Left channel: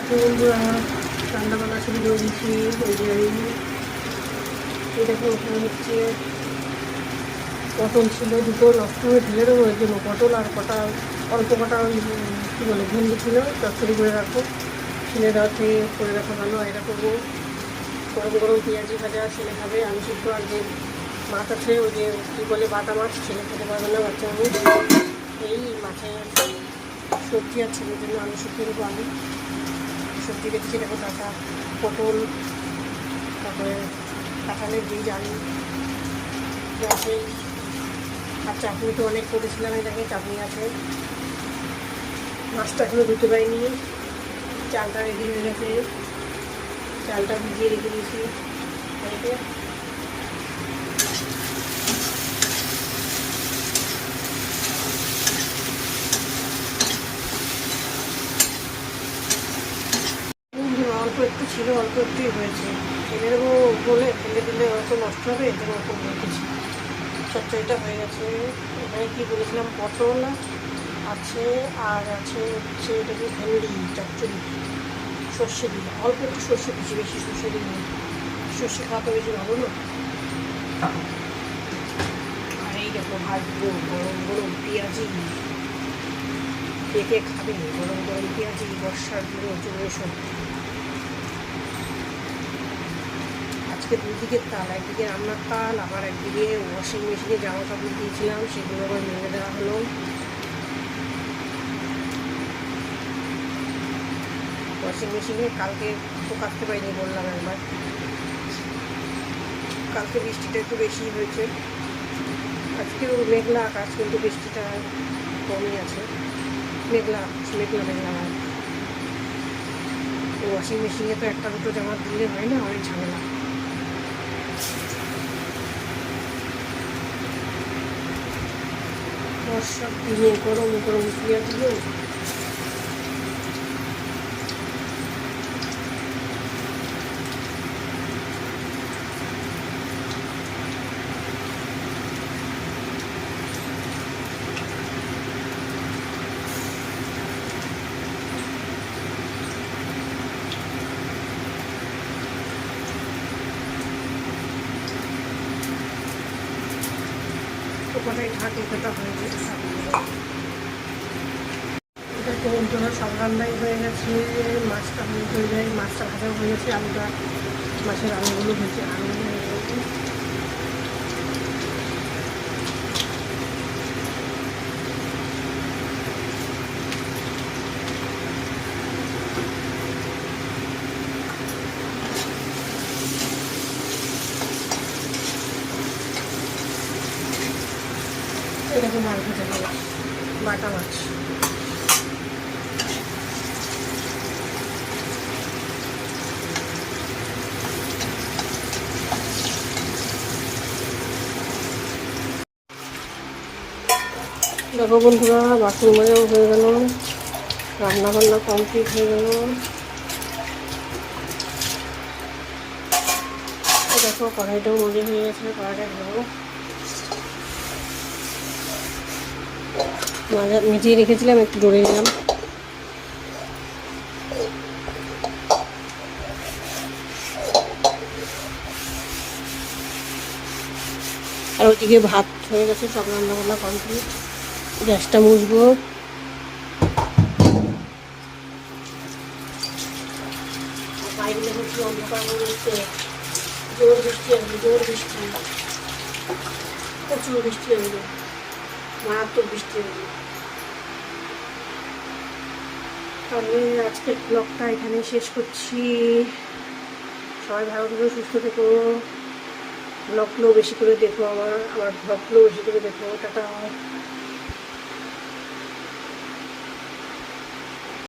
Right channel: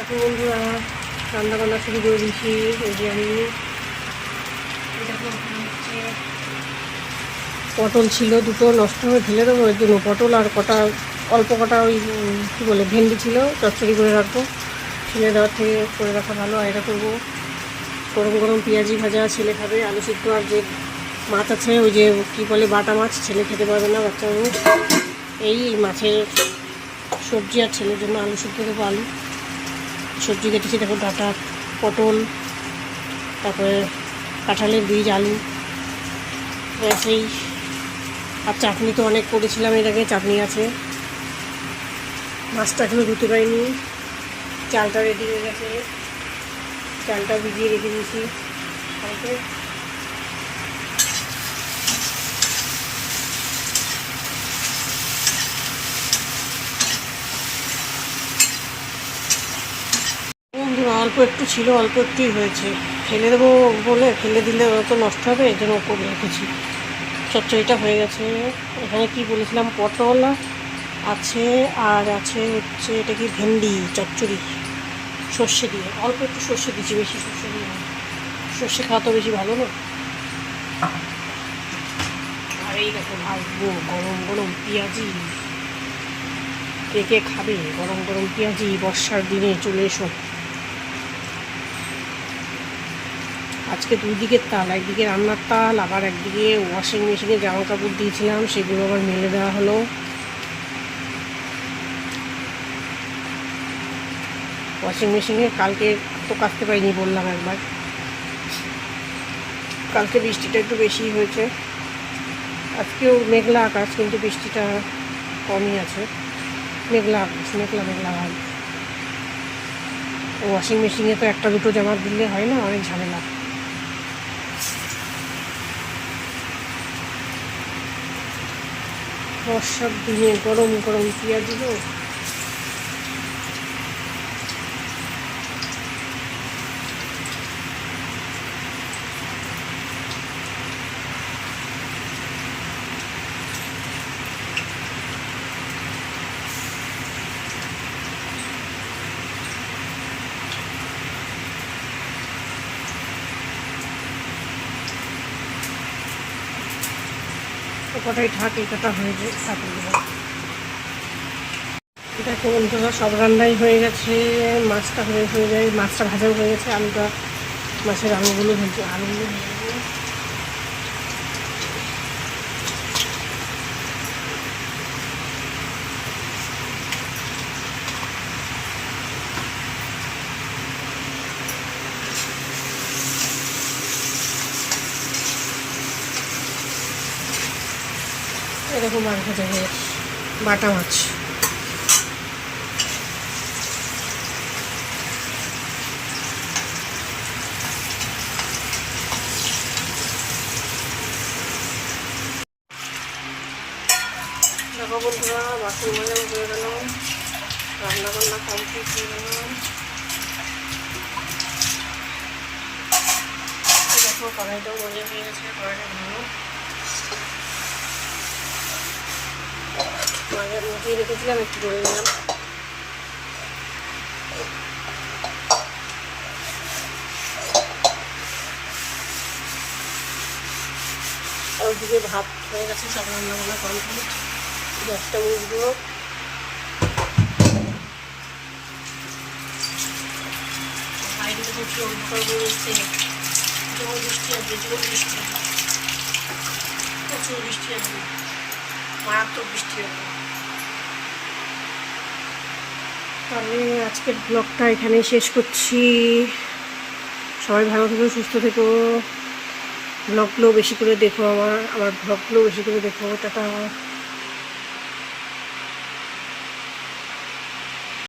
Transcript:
এখন রান্নাবান্না শুরু করে দিচ্ছি। আমি এই দেখো হচ্ছে পটল ছিল দুটো, নষ্ট হয়ে ফেলে দেবো ওই জন্য। পটল আর কটা অল্প কটা ওই কী বলে ভেন্ডি ছিল, চচ্চড়ি করে রাখবো। ফেলে দেওয়ার থেকে করে রাখা ভালো। আর এটা করবো গরম গরম পেঁয়াজি ভাজা, ছেলে খাবে। আলু সিদ্ধ আর যে মাছ আছে ওই যে কী বলে বাটা মাছ, ছেলে খেতে পারবে না, বাচ্চাগুলো। এই মাছের সবজি আর ছেলের জন্য আলু সিদ্ধ দেবো। আলু সবজি কেটেছি দেখো, ডাঁটা, পটল, তারপরে কাঁঠালের বীজ, আলু, সেই। আর চাটনি তো অনেক করেছিলাম এর আগে, চাটনি আছে। মাছটা এখনো ধুতে পারিনি। চালটা রেডি হয়ে গেছে, চালটা ভিজিয়ে রেখে দিয়েছি। অল্প একটু ছিল, অল্প একটুই হয়েছে। ফেলে দেবো বলে, ফেলে দিলে তো নষ্ট হবে, এর জন্য করে রেখেছি। চচ্চড়িটা হয়ে গেছে। এখানে কি বলেছিলাম, পটল আছে আর আছে হচ্ছে এটা কি ভেন্ডি চচ্চড়ি, সর্ষে দিয়ে। অল্প একটু সর্ষে দিচ্ছি, বেশি সর্ষে দিয়ে। সর্ষে খাওয়া তো বেশি ভালো না। আর এই দেখো ভাজবো গরম গরম পেঁয়াজি। কে কে খাবে গরম গরম পেঁয়াজি? বর্ষার দিনে চলে এসো। আজকে দুদিকে তাল, একদিকে রান্নার তাল, আবার একদিকে ওয়াশিং মেশিনে জামা কাপড় দিয়েছিলাম, সেগুলো আবার মেলে দেওয়া হলো। ওয়াশিং মেশিনে কালকে তো কাচতে পারিনি, বললাম একবার। কালকে বৃষ্টিটা একটু বেশি হয়েছে, আজকেও মেঘলা আকাশ, কিন্তু বৃষ্টিটা কমই আছে। মেঘলা আকাশ, মেঘলা মেঘলা হয়। ওয়াশিং মেশিনে তো একটা দুটো জামা দিলে হয় না, অনেক ঝামেলা। বর্ষার দিনে গরম গরম পেঁয়াজগুলো কটাই ঢাকে কাটা হয়ে যায়। এটা তো বন্ধুরা সব রান্নাই হয়ে গেছে। মাছটা হয়ে যায়, মাছটা ভাজাও হয়ে গেছে। আলুটা, মাছের আলুগুলো ভেজে, আলুগুলো ভেজে এরকম আলু ভেজে গেছে। বাটা মাছ দেখো বন্ধুরা, বাসন মাজাও হয়ে গেল, রান্না বান্না কমপ্লিট হয়ে গেল। দেখো কড়াইটাও মজে হয়ে গেছে, কড়াইটা ধরো মিটিয়ে রেখেছিলাম, একটু ডলে নিলাম। আর ওইদিকে ভাত হয়ে গেছে, সব রান্না বান্না কমপ্লিট। গ্যাসটা মুছবো। বাইরে বসে অন্ধকার হয়ে যাচ্ছে, জোর বৃষ্টি আসবে, জোর বৃষ্টি, প্রচুর বৃষ্টি আসবে, মারাত্মক বৃষ্টি আসবে। তাহলে আজকের ব্লগটা এখানেই শেষ করছি। সবাই ভালো থেকো, সুস্থ থেকো। ব্লগগুলো বেশি করে দেখো, আমার ব্লগগুলো বেশি করে দেখো। টাটা।